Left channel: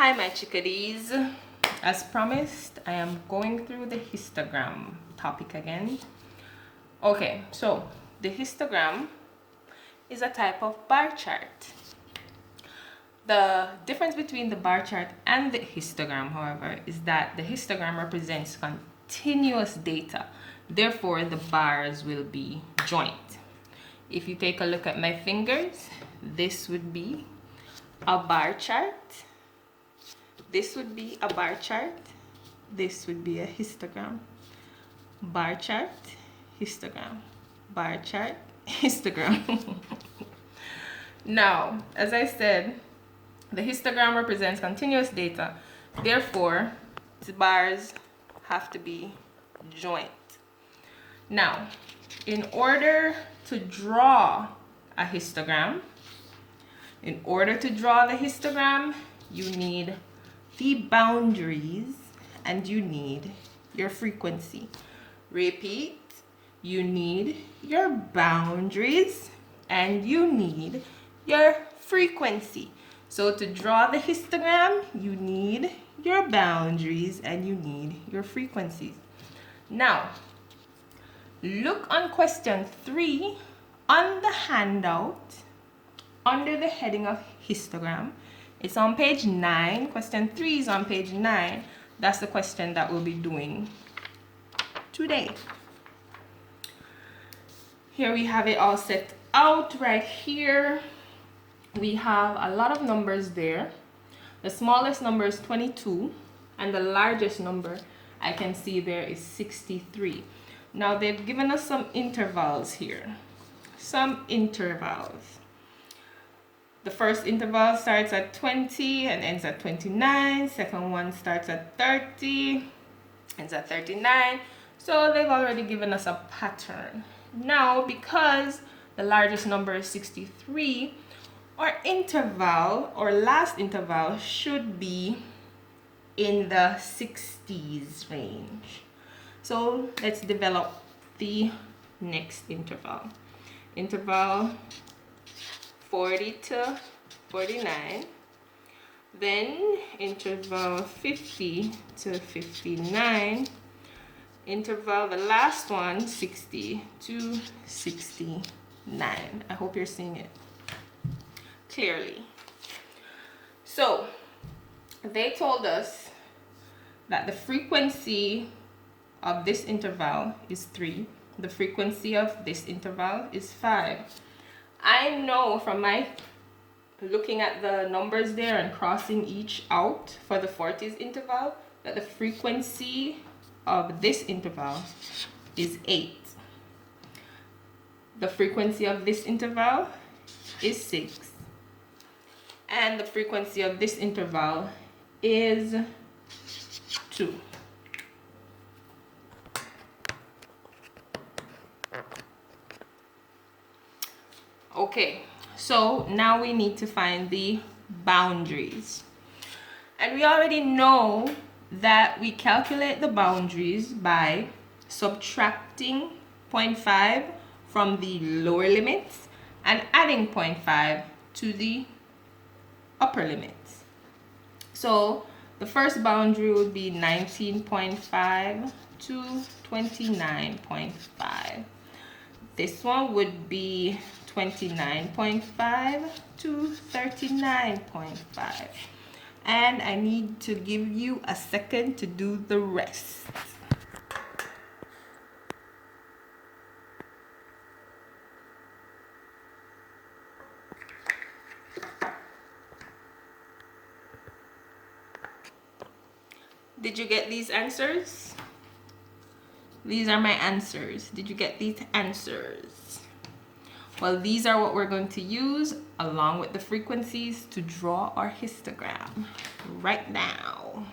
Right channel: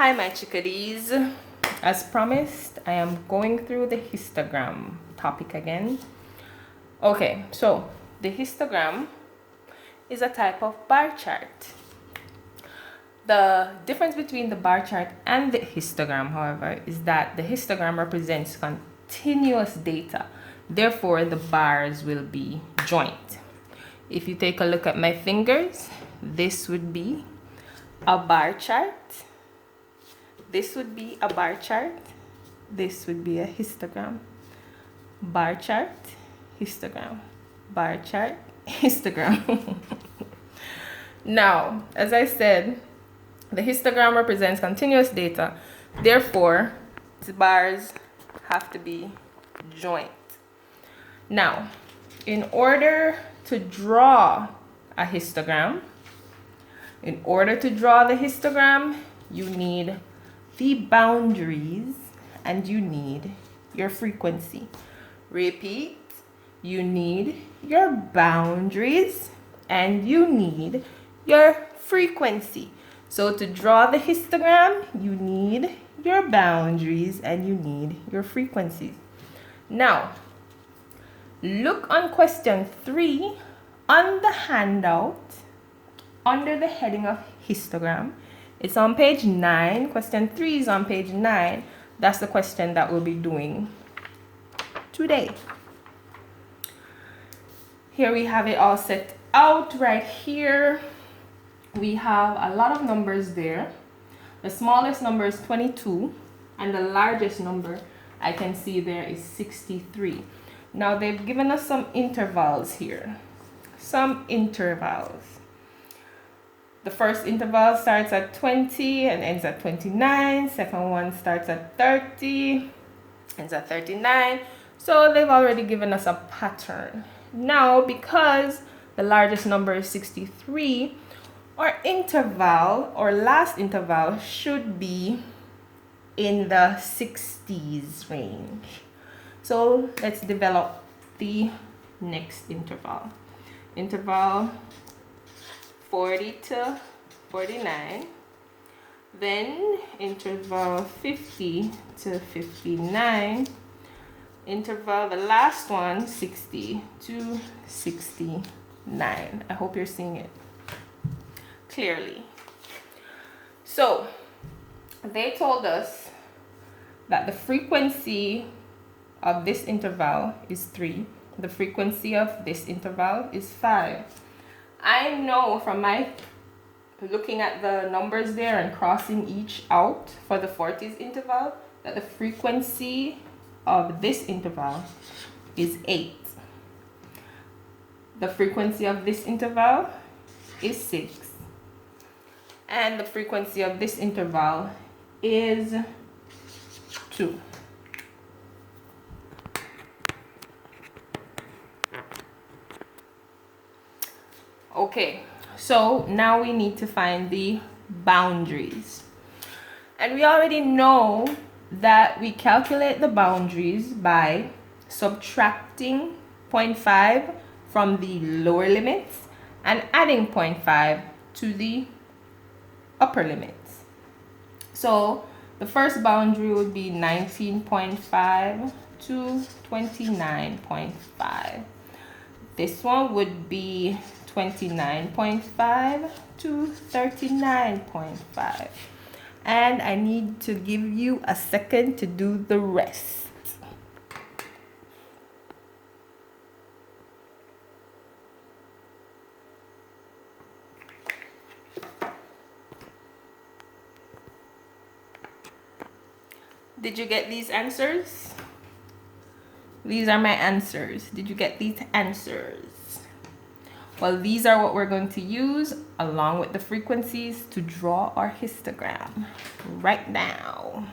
Hi my chickadees. As promised, I am going through the histogram topic again. Okay, so the histogram is a type of bar chart. The difference between the bar chart and the histogram, however, is that the histogram represents continuous data. Therefore, the bars will be joint. If you take a look at my fingers, this would be a bar chart. This would be a bar chart. This would be a histogram. Bar chart, histogram. Bar chart, histogram. Now, as I said, the histogram represents continuous data. Therefore, the bars have to be joint. Now, in order to draw a histogram, you need the boundaries and you need your frequency. Repeat, you need your boundaries and you need your frequency. So to draw the histogram, you need your boundaries and you need your frequencies. Now, look on question 3 on the handout under the heading of histogram. It's on page 9. Question 3 is on page 9. That's the question that we'll be doing today. Here we have it all set out right here. We have a lot of numbers there. The smallest number is 22 and the largest number I can see there is 63. Now they've given us some intervals here. Some intervals. The first interval starts at 20 and ends at 29. Second one starts at 30, ends at 39. So they've already given us a pattern. Now, because the largest number is 63, our interval, or last interval, should be in the 60s range. So let's develop the next interval. Interval 40 to 49, then interval 50 to 59, interval, the last one, 60 to 69. I hope you're seeing it clearly. So they told us that the frequency of this interval is 3. The frequency of this interval is 5. I know from my looking at the numbers there and crossing each out for the 40s interval that the frequency of this interval is 8. The frequency of this interval is 6. And the frequency of this interval is 2. Okay, so now we need to find the boundaries. And we already know that we calculate the boundaries by subtracting 0.5 from the lower limits and adding 0.5 to the upper limits. So the first boundary would be 19.5 to 29.5. This one would be 29.5 to 39.5. And I need to give you a second to do the rest. Did you get these answers? These are my answers. Did you get these answers? Well, these are what we're going to use along with the frequencies to draw our histogram right now.